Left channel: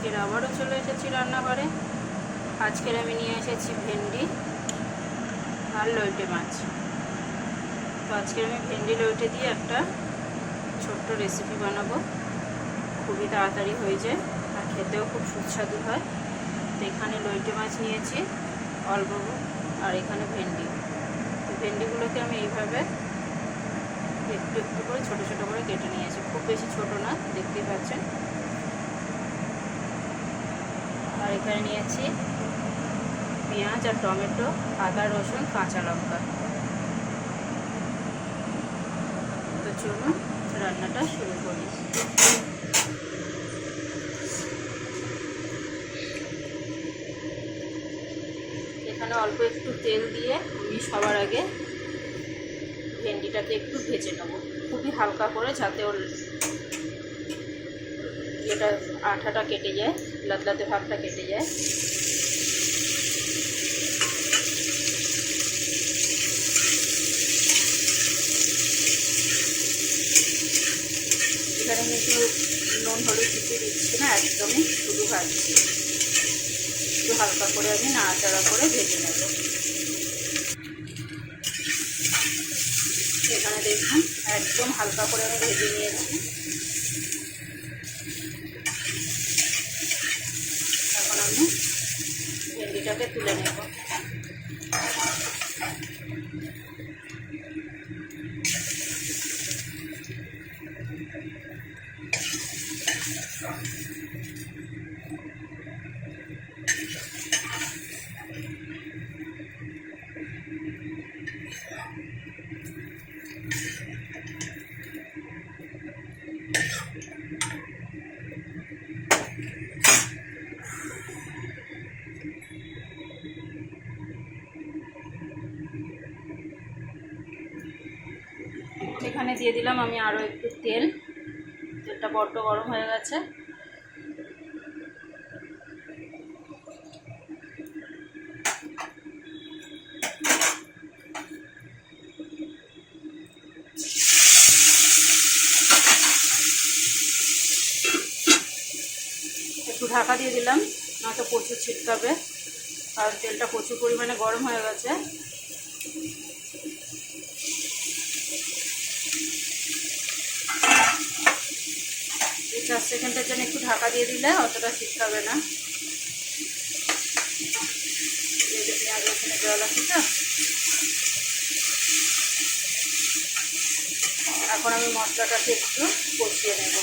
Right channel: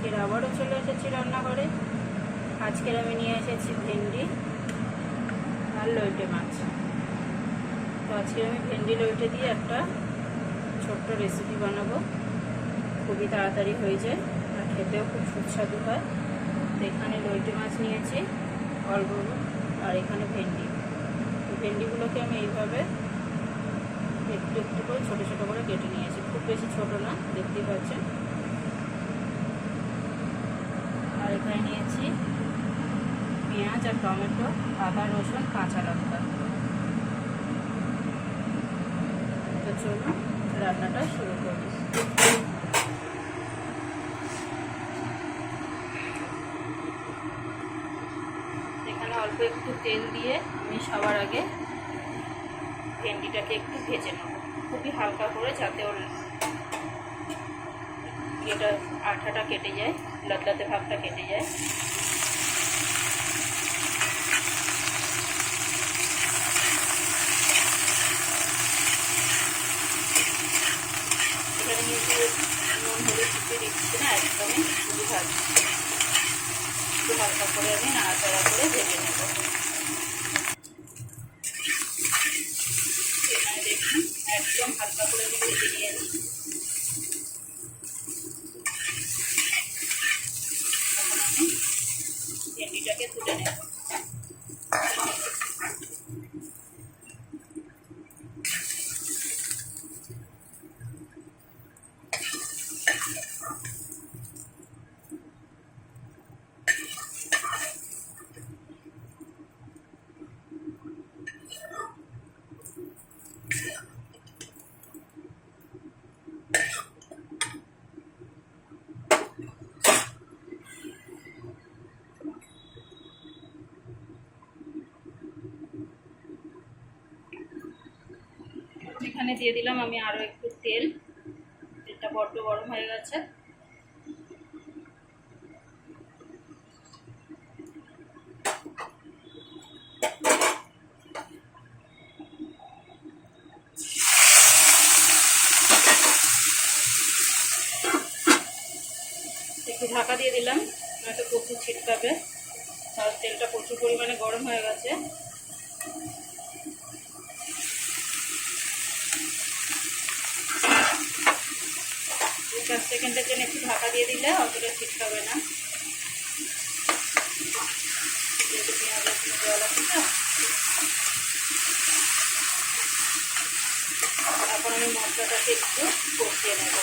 আজকের আবারও চলে এসেছি রান্নাঘরে। আজকের আমি নিয়ে এসেছি ভেন্ডি আর লইটে মাছ। তো আজকে আমি ভেন্ডি লইটে দিয়ে একটা ছোট্ট রেসিপি বানাবো। খুবই তাড়াতাড়ি হয়ে যায় আর খেতেও খুব সুস্বাদু হয়। তো এখানে লইটে মাছ নিয়েছি অল্প, আর এখানে ভেন্ডি। তো ভেন্ডিগুলোকে আমি এইভাবে একটু একটু করে ছোটো ছোটো করে কেটে নিয়েছি, খুব বেশি ছোট না, দেখতেই পাচ্ছেন। আর এখানে নিয়েছি পেঁয়াজ আর টমেটো, আদা রসুন কাঁচা লঙ্কা। তো চলুন রান্নাটা শুরু করি। এখানে অল্প একটু তেল দিয়ে আমি সবার আগে ভেন্ডিটাকে একটু ভেজে নেব, খুবই হালকা করে, যাতে ওর এটা আঠাটা কেটে যায়, লাতলাতে ভাবটা কেটে যায়। এখানে কিন্তু নুন হলুদ কিছু দিচ্ছি না, একদমই শুধু ভাজছি। একটু হালকা করে আমি নাড়াচাড়া করে ভেজে নেব। এখানে দেখুন একদম হালকা করে আমি ভেজে নিয়েছি। এখন আমি ভেন্ডিটাকে তুলে নেব। এখানে দিয়ে দিলাম আমি আরও একটু তেল। তেলটা বড্ড গরম হয়ে গেছে। একটু ঢাকা দিয়ে দিলাম, নয়তো প্রচুর ছিটকাবে, কারণ তেলটা প্রচুর পরিমাণে গরম হয়ে গেছে। 4 সেকেন্ডের জন্য একটু ঢাকা দিয়ে দিলে অতটা ছিটকাবে না, যেহেতু পেঁয়াজ রসুনে জল আছে। তো এখন আমি মশলাটাকে একটু কষিয়ে নেব।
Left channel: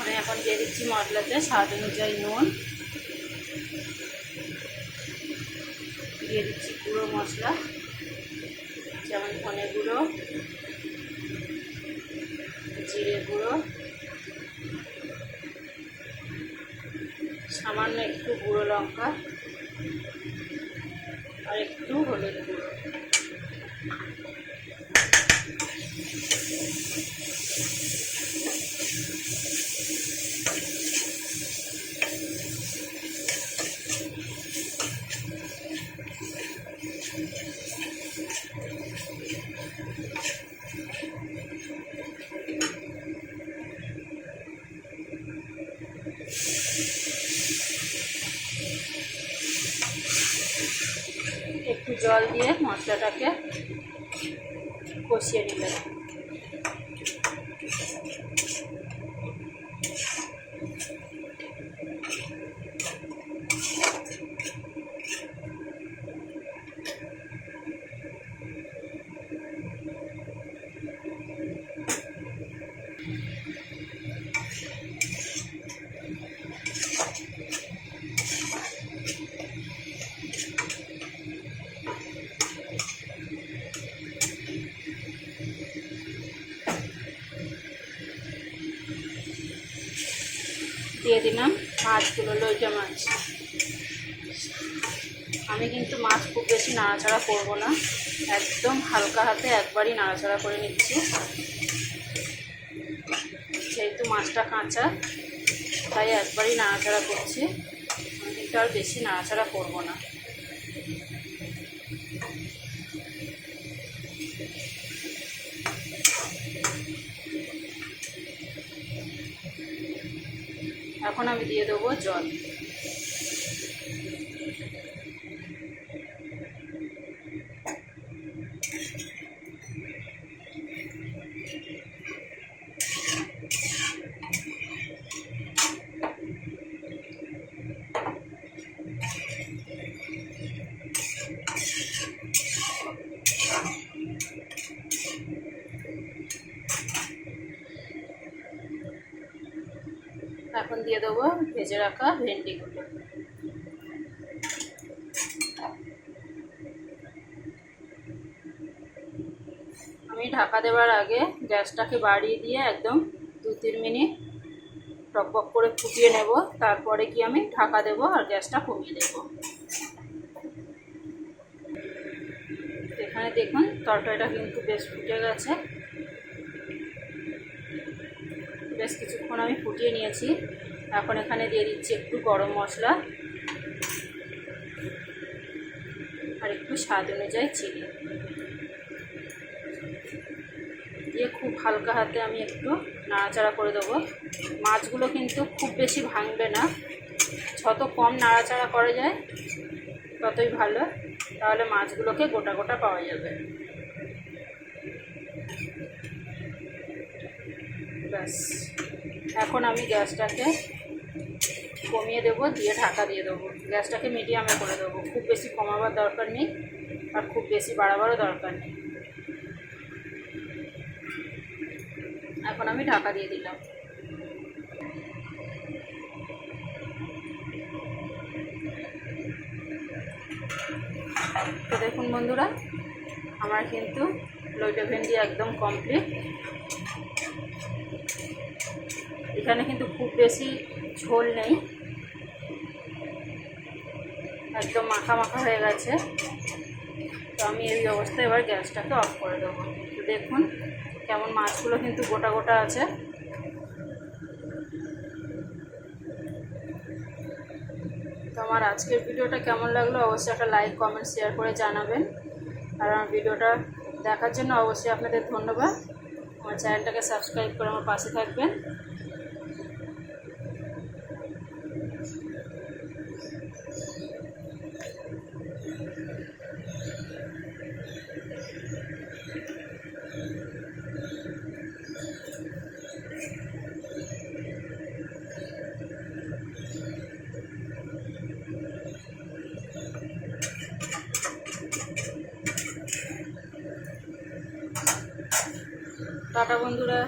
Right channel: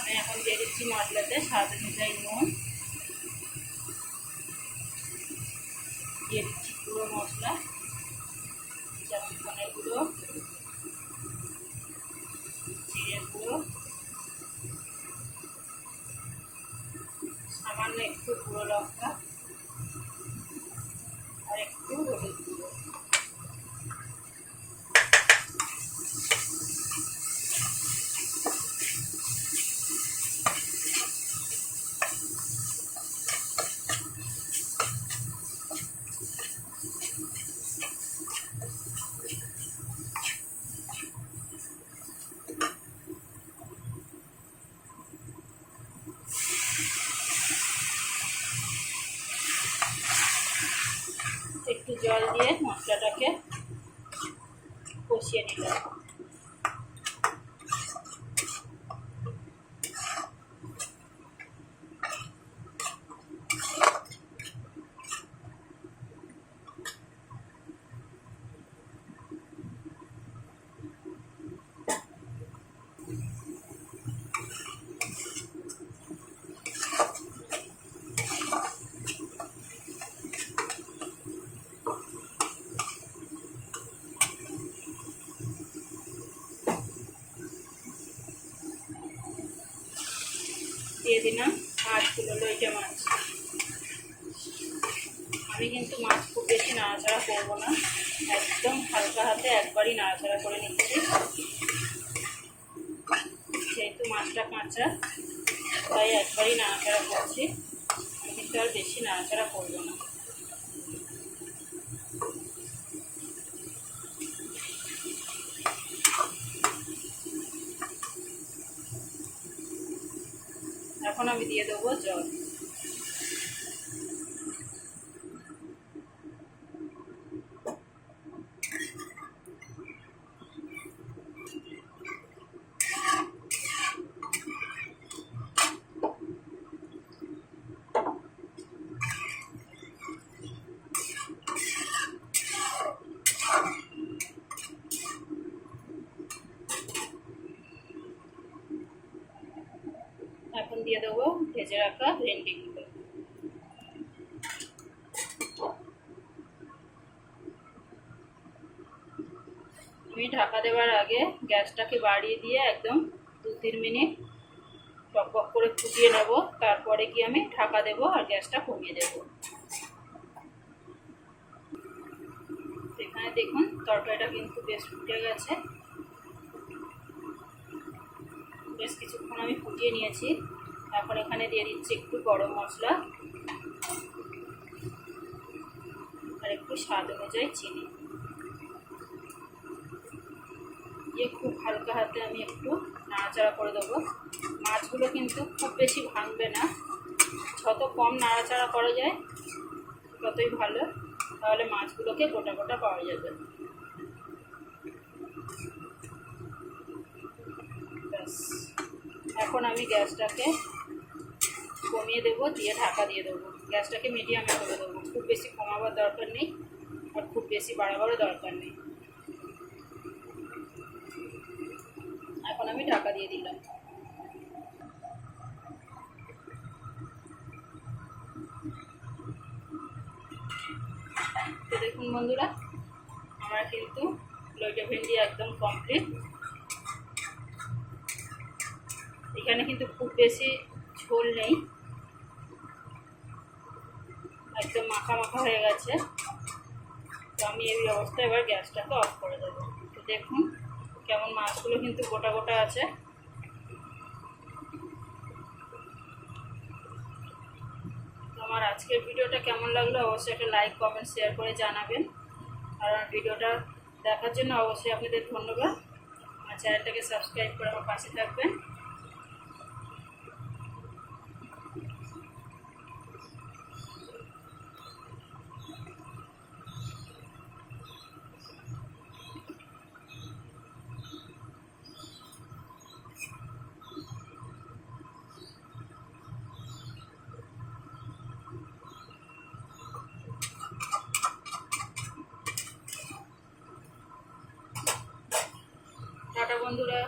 আমি এখন দিয়ে দিচ্ছি মশলাতে স্বাদ অনুযায়ী নুন, দিয়ে দিচ্ছি গুঁড়ো মশলা, যেমন ধনে গুঁড়ো, জিরে গুঁড়ো, সামান্য একটু গুঁড়ো লঙ্কা আর একটু হলুদ গুঁড়ো। একটু জল দিয়ে মশলাটাকে কষিয়ে নিলাম। দিয়ে দিলাম মাছগুলো, লইটে মাছ। আমি কিন্তু মাছ খুব বেশি নাড়াচাড়া করব না, একদম হালকা হাতে একবারই নাড়াচাড়া করে নিচ্ছি। যেহেতু মাছটা কাঁচা তাই একবারই নাড়াচাড়া করছি, কিন্তু আর বেশি নাড়াচাড়া করবো না। এখন আমি দিয়ে দেবো জল। এখন দিয়ে দেবো ভেজে রাখা ভেন্ডিগুলো। আমি ঢাকা দেওয়ার আগে গ্যাসটাকে বাড়িয়ে দিয়ে একদম 2-3 মিনিট টকবক করে ফুটিয়ে নেব, তারপরে কি আমি ঢাকা দেব আর গ্যাসটা কমিয়ে দেব। এখানে দেখুন তরকারিটা কিন্তু বেশ ফুটে গেছে, বেশ কিছুক্ষণ আমি ফুটিয়ে নিয়েছি। এখন এখানে দিয়ে দিচ্ছি একটু গরম মশলা আর একটু স্বাদ অনুযায়ী চিনি দিয়ে খুব হালকা হাতে আমি একটু নাড়াচাড়া করে দেবো। মাছগুলো কিন্তু খুব বেশি ভাঙবে না, যত কম নাড়াচাড়া করা যায় ততই ভালো, তাহলে মাছগুলোকে গোটা গোটা পাওয়া যাবে। ব্যাস, এখন আমি গ্যাসটাকে কমিয়ে দেবো, দিয়ে ঢাকা দিয়ে দেবো। গ্যাসটাকে মিডিয়ামে করে দেবো, খুব বেশি কমাবার দরকার নেই আর খুব বেশি বাড়াবারও দরকার নেই। এখন আমি ঢাকা দিয়ে দিলাম। তো দেখুন বন্ধুরা, আমার কিন্তু লইটা ভেন্ডি একদম কমপ্লিট। এখানে কিন্তু খুব বেশি ঝোল নেই, একদম মাখা মাখা হয়ে গেছে। তো আমি এই অবস্থায় এবার গ্যাসটাকে অফ করে দেবো। তো দেখুন কেমন মাছগুলো কিন্তু গোটা গোটা আছে। তো আমার আজকের ভিডিওটা কেমন লাগলো অবশ্যই একটা লাইক কমেন্ট শেয়ার করে জানাবেন। আর আমার ভিডিওটা দেখার জন্য অবশ্যই আপনাদের ধন্যবাদ। আমার চ্যানেলটাকে সাবস্ক্রাইব করে আমার পাশে থাকবেন। টাটা বন্ধুরা।